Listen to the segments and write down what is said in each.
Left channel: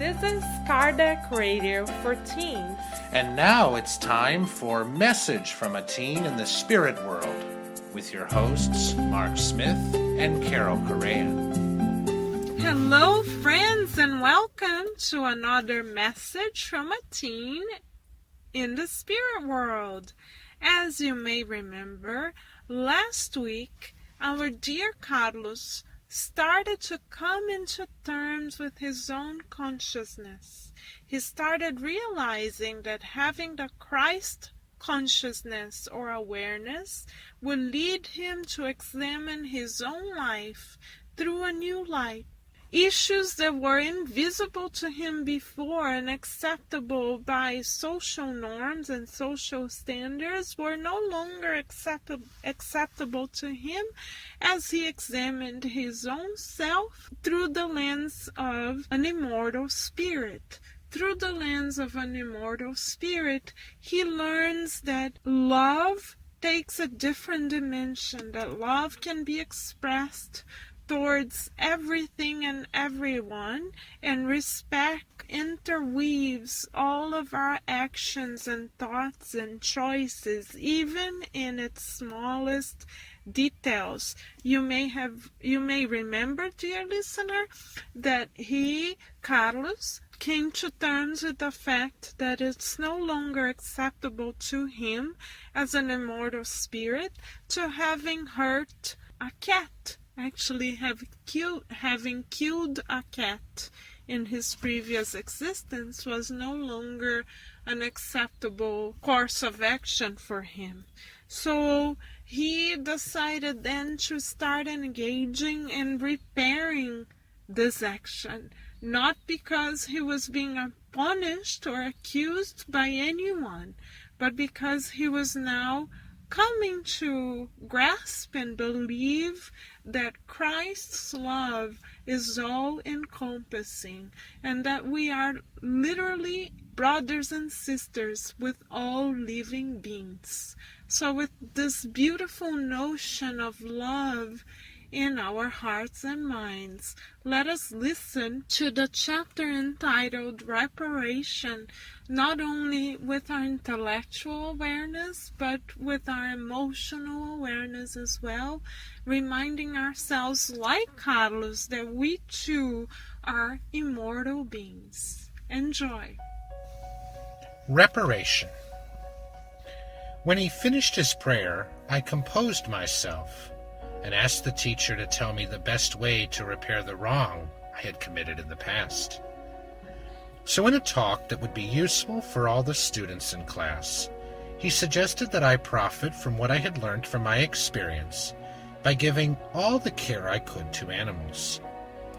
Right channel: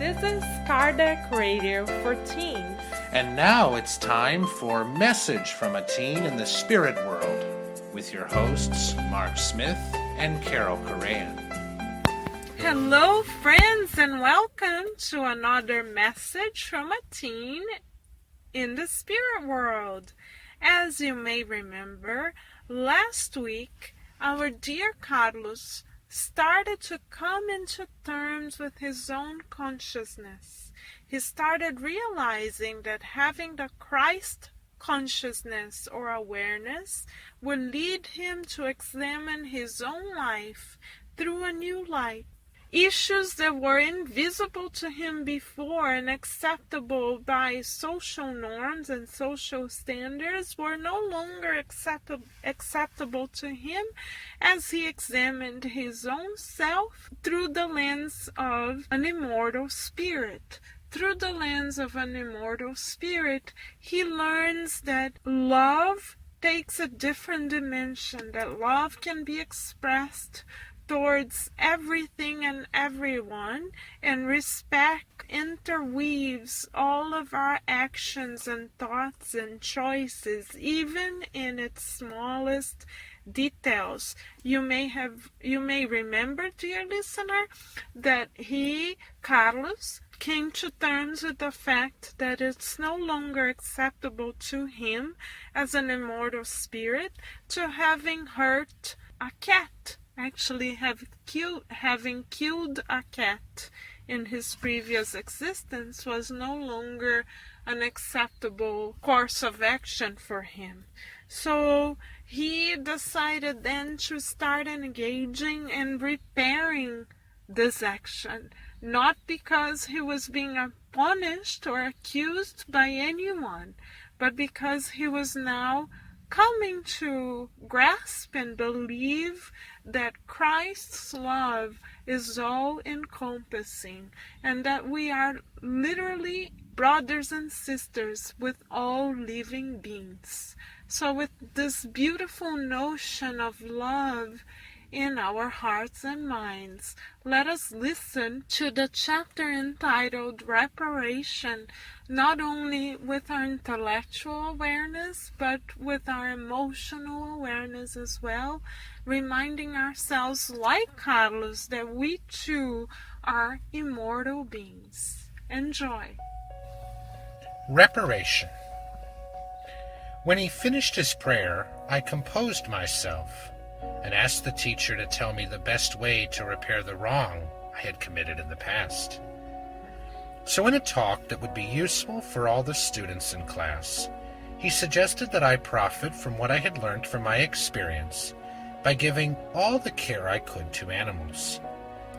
This is Cardiac Radio for Teens. And now it's time for Message from a Teen in the Spirit World with your hosts, Mark Smith and Carol Correan. Hello, friends, and welcome to another Message from a Teen in the Spirit World. As you may remember, last week, our dear Carlos started to come into terms with his own consciousness. He started realizing that having the Christ consciousness or awareness will lead him to examine his own life through a new light. Issues that were invisible to him before and acceptable by social norms and social standards were no longer acceptable to him as he examined his own self through the lens of an immortal spirit. Through the lens of an immortal spirit, he learns that love takes a different dimension, that love can be expressed towards everything and everyone, and respect interweaves all of our actions and thoughts and choices, even in its smallest details. You may remember, dear listener, that Carlos, came to terms with the fact that it's no longer acceptable to him as an immortal spirit to having hurt a cat. Actually, having killed a cat in his previous existence was no longer an acceptable course of action for him. So he decided then to start engaging in repairing this action, not because he was being punished or accused by anyone, but because he was now coming to grasp and believe that Christ's love is all-encompassing and that we are literally brothers and sisters with all living beings. So with this beautiful notion of love in our hearts and minds, let us listen to the chapter entitled Reparation, not only with our intellectual awareness, but with our emotional awareness as well, reminding ourselves, like Carlos, that we too are immortal beings. Enjoy. Reparation. When he finished his prayer, I composed myself and asked the teacher to tell me the best way to repair the wrong I had committed in the past. So in a talk that would be useful for all the students in class, he suggested that I profit from what I had learned from my experience by giving all the care I could to animals,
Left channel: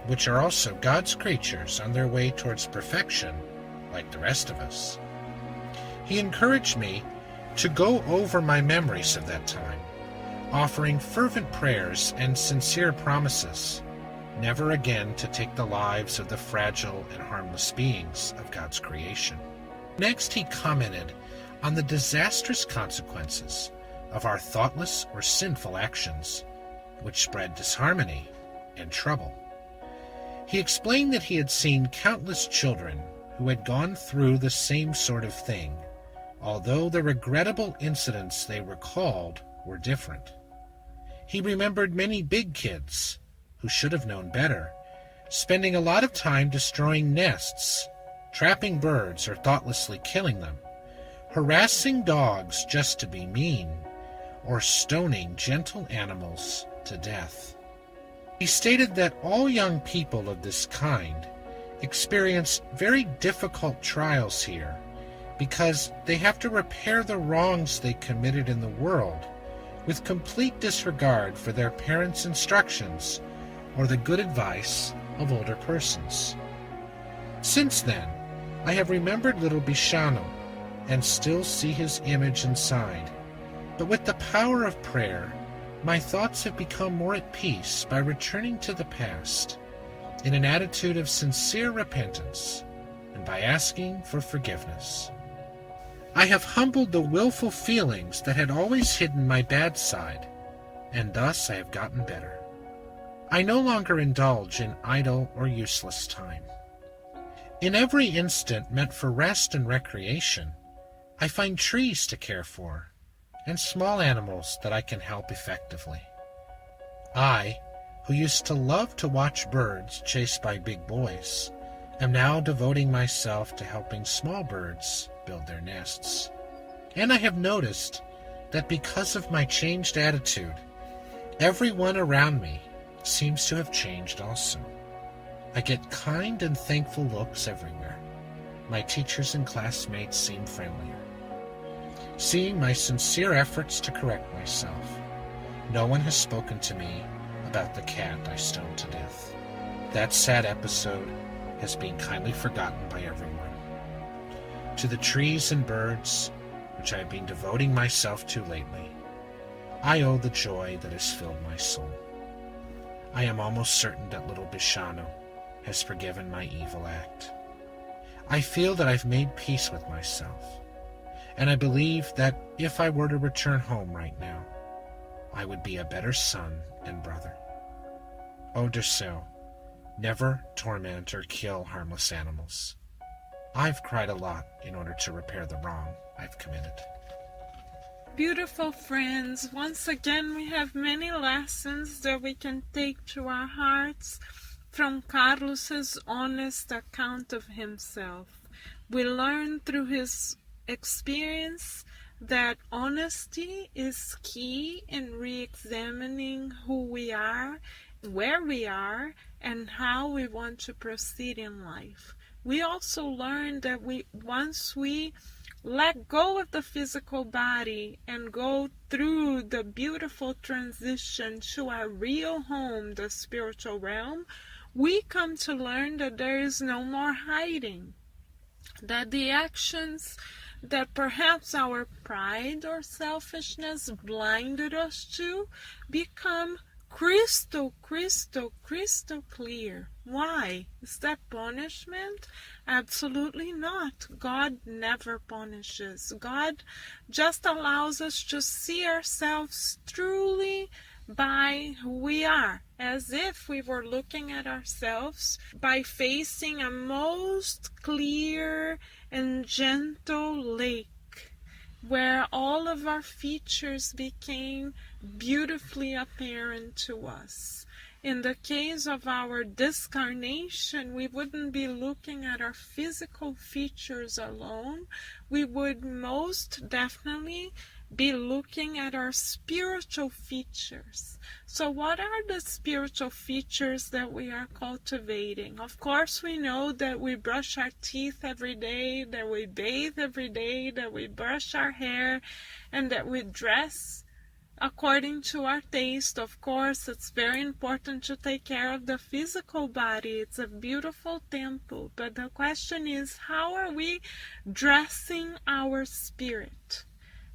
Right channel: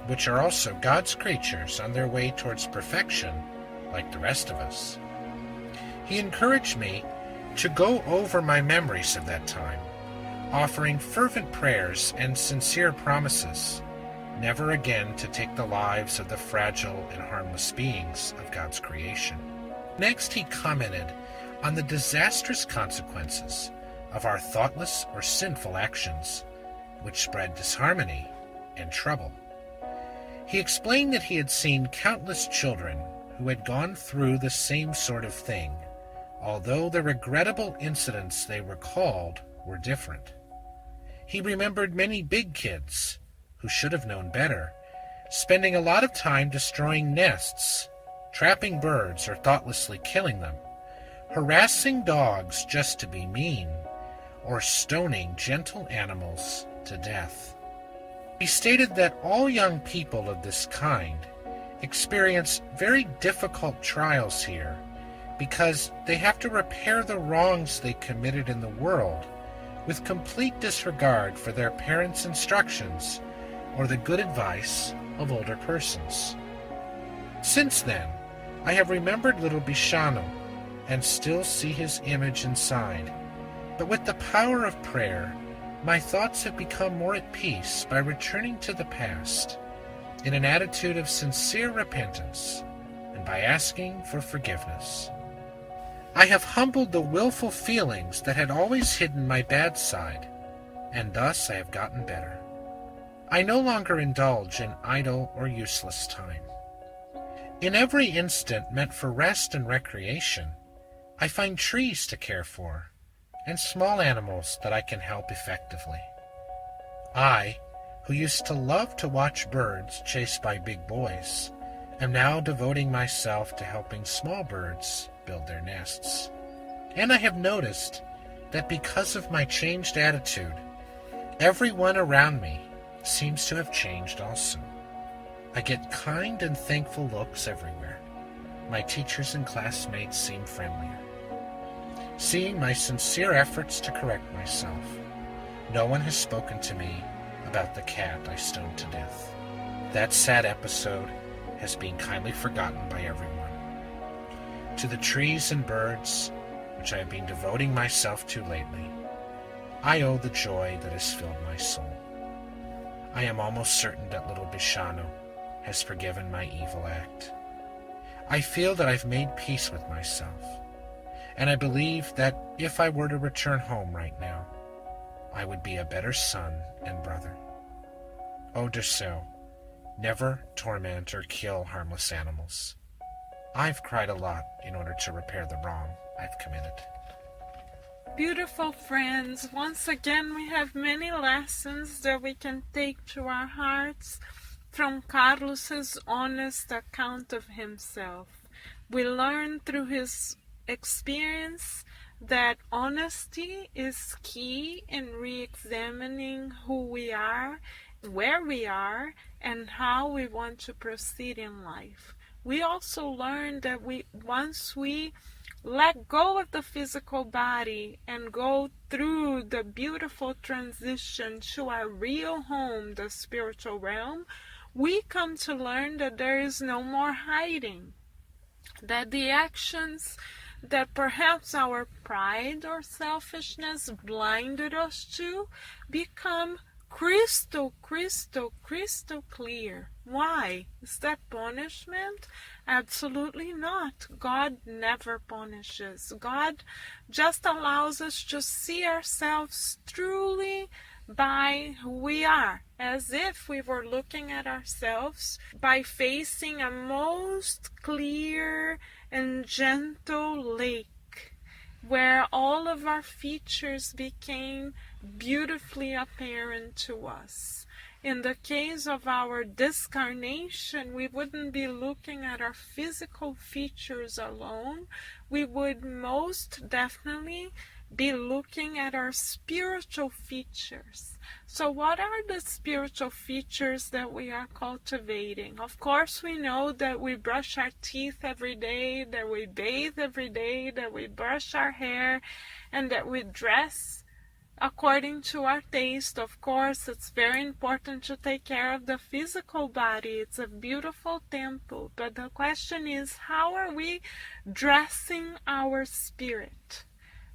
which are also God's creatures on their way towards perfection, like the rest of us. He encouraged me to go over my memories of that time, offering fervent prayers and sincere promises, never again to take the lives of the fragile and harmless beings of God's creation. Next, he commented on the disastrous consequences of our thoughtless or sinful actions, which spread disharmony and trouble. He explained that he had seen countless children who had gone through the same sort of thing, although the regrettable incidents they recalled were different. He remembered many big kids who should have known better, spending a lot of time destroying nests, trapping birds or thoughtlessly killing them, harassing dogs just to be mean, or stoning gentle animals to death. He stated that all young people of this kind experience very difficult trials here because they have to repair the wrongs they committed in the world with complete disregard for their parents' instructions or the good advice of older persons. Since then, I have remembered little Bishano and still see his image inside, but with the power of prayer, my thoughts have become more at peace by returning to the past in an attitude of sincere repentance and by asking for forgiveness. I have humbled the willful feelings that had always hidden my bad side, and thus I have gotten better. I no longer indulge in idle or useless time. In every instant meant for rest and recreation, I find trees to care for and small animals that I can help effectively. I, who used to love to watch birds chased by big boys, am now devoting myself to helping small birds build their nests. And I have noticed that because of my changed attitude, everyone around me seems to have changed also. I get kind and thankful looks everywhere. My teachers and classmates seem friendlier. Seeing my sincere efforts to correct myself, no one has spoken to me about the cat I stoned to death. That sad episode has been kindly forgotten by everyone. To the trees and birds, which I have been devoting myself to lately, I owe the joy that has filled my soul. I am almost certain that little Bishanu has forgiven my evil act. I feel that I've made peace with myself, and I believe that if I were to return home right now, I would be a better son and brother. Oh, Derceau, never torment or kill harmless animals. I've cried a lot in order to repair the wrong I've committed. Beautiful friends, once again we have many lessons that we can take to our hearts from Carlos's honest account of himself. We learn through his experience that honesty is key in re-examining who we are, where we are, and how we want to proceed in life. We also learn that once we let go of the physical body and go through the beautiful transition to our real home, the spiritual realm, we come to learn that there is no more hiding, that the actions that perhaps our pride or selfishness blinded us to become crystal clear. Why? Is that punishment? Absolutely not. God never punishes. God just allows us to see ourselves truly by who we are, as if we were looking at ourselves by facing a most clear and gentle lake where all of our features became beautifully apparent to us. In the case of our discarnation, we wouldn't be looking at our physical features alone. We would most definitely be looking at our spiritual features. So what are the spiritual features that we are cultivating? Of course, we know that we brush our teeth every day, that we bathe every day, that we brush our hair, and that we dress according to our taste. Of course, it's very important to take care of the physical body. It's a beautiful temple. But the question is, how are we dressing our spirit?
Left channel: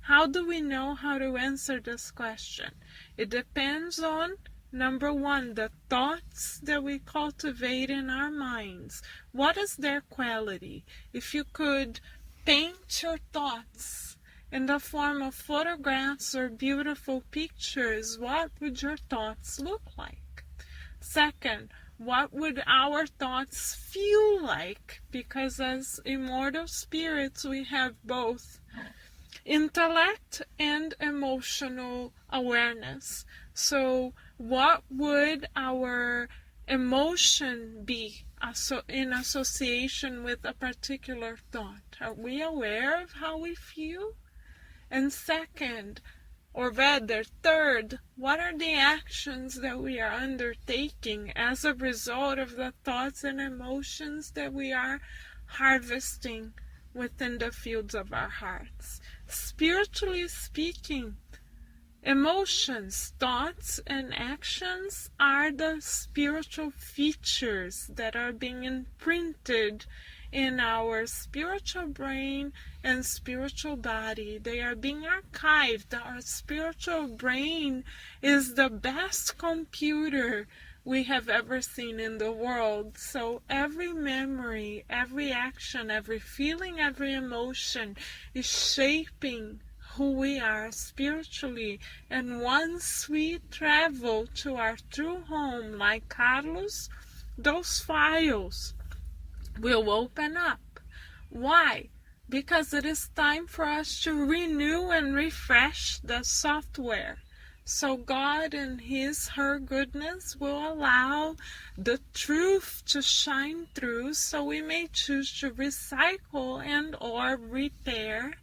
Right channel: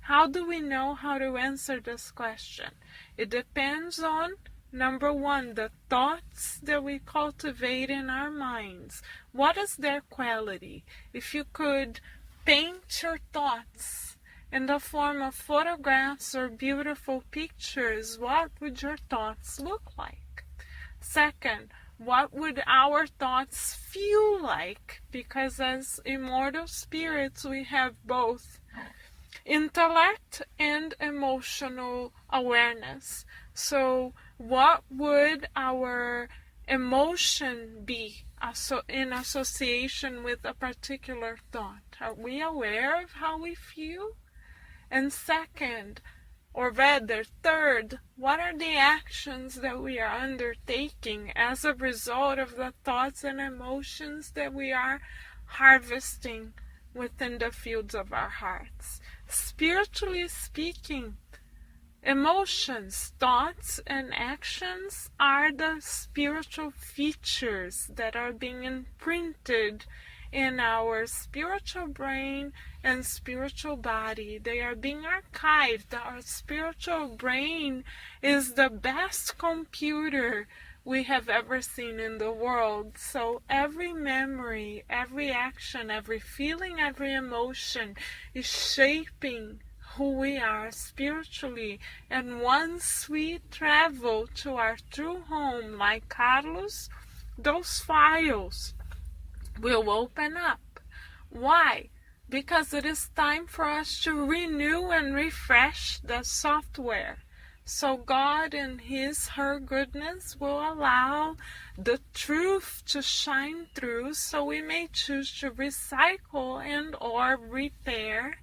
How do we know how to answer this question? It depends on, number one, the thoughts that we cultivate in our minds. What is their quality? If you could paint your thoughts in the form of photographs or beautiful pictures, what would your thoughts look like? Second, what would our thoughts feel like? Because as immortal spirits, we have both intellect and emotional awareness. So what would our emotion be in association with a particular thought? Are we aware of how we feel? And second, or rather third, what are the actions that we are undertaking as a result of the thoughts and emotions that we are harvesting within the fields of our hearts? Spiritually speaking, emotions, thoughts, and actions are the spiritual features that are being imprinted in our spiritual brain and spiritual body. They are being archived. Our spiritual brain is the best computer we have ever seen in the world. So every memory, every action, every feeling, every emotion is shaping who we are spiritually. And once we travel to our true home, like Carlos, those files will open up. Why? Because it is time for us to renew and refresh the software. So God in her goodness will allow the truth to shine through, so we may choose to recycle and or repair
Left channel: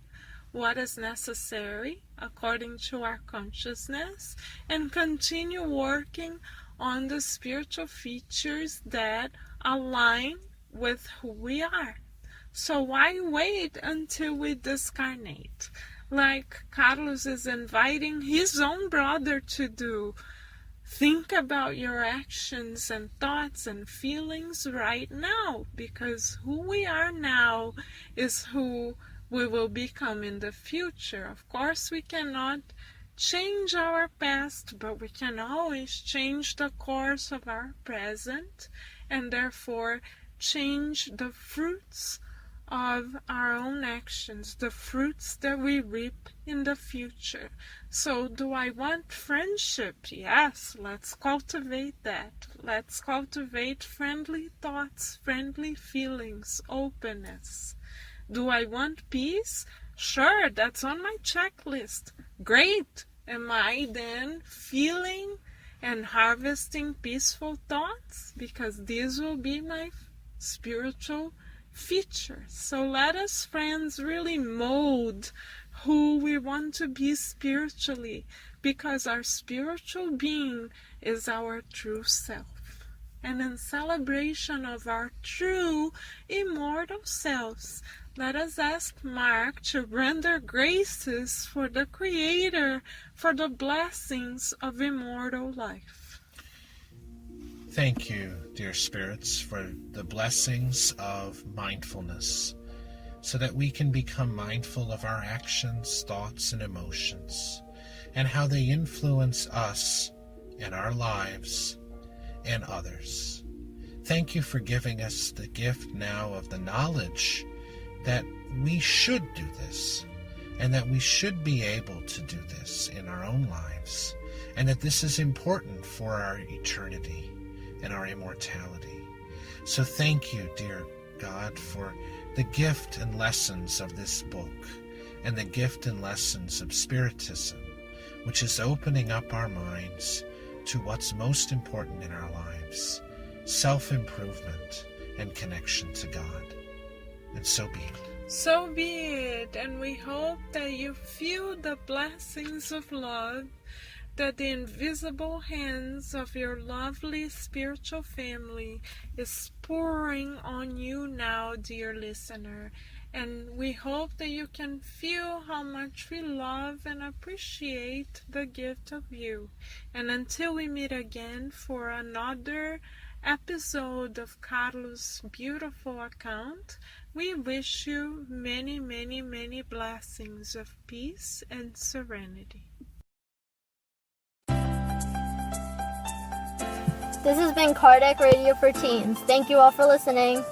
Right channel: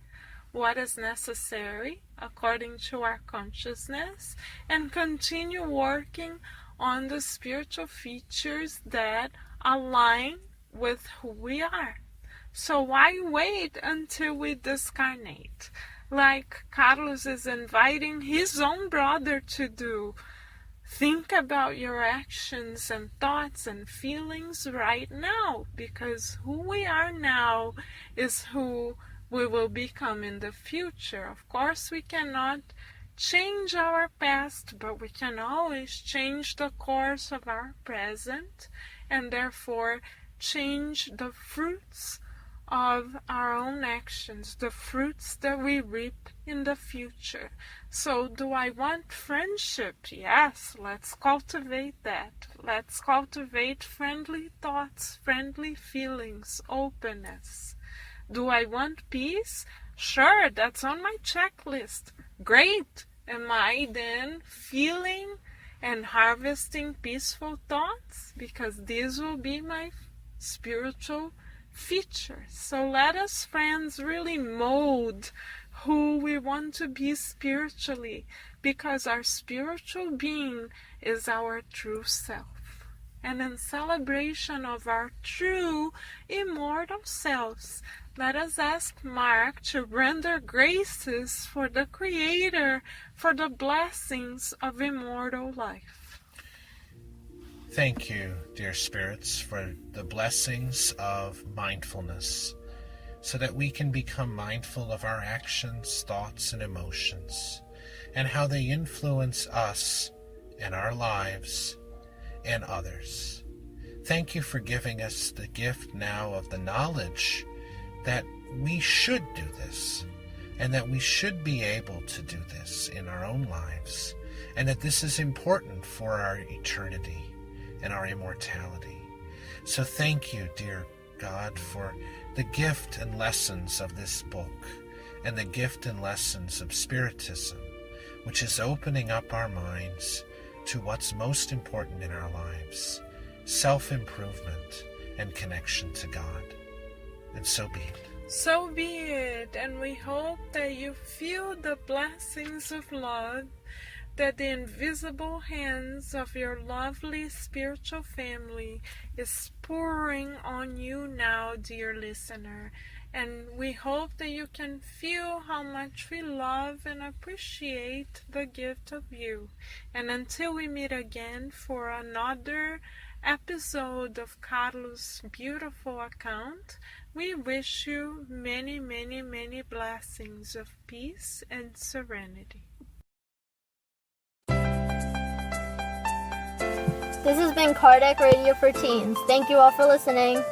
what is necessary according to our consciousness, and continue working on the spiritual features that align with who we are. So why wait until we discarnate, like Carlos is inviting his own brother to do? Think about your actions and thoughts and feelings right now, because who we are now is who we will become in the future. Of course, we cannot change our past, but we can always change the course of our present, and therefore change the fruits of our own actions, the fruits that we reap in the future. So do I want friendship? Yes, let's cultivate that. Let's cultivate friendly thoughts, friendly feelings, openness. Do I want peace? Sure, that's on my checklist. Great. Am I then feeling and harvesting peaceful thoughts? Because these will be my spiritual features. So let us, friends, really mold who we want to be spiritually, because our spiritual being is our true self. And in celebration of our true immortal selves, let us ask Mark to render graces for the Creator, for the blessings of immortal life. Thank you, dear spirits, for the blessings of mindfulness, so that we can become mindful of our actions, thoughts, and emotions, and how they influence us and our lives and others. Thank you for giving us the gift now of the knowledge that we should do this, and that we should be able to do this in our own lives, and that this is important for our eternity and our immortality. So thank you, dear God, for the gift and lessons of this book, and the gift and lessons of Spiritism, which is opening up our minds to what's most important in our lives, self-improvement and connection to God. And so be it. So be it, and we hope that you feel the blessings of love, that the invisible hands of your lovely spiritual family is pouring on you now, dear listener. And we hope that you can feel how much we love and appreciate the gift of you. And until we meet again for another episode of Carlos' beautiful account, we wish you many, many, many blessings of peace and serenity. This has been Kardec Radio for Teens. Thank you all for listening.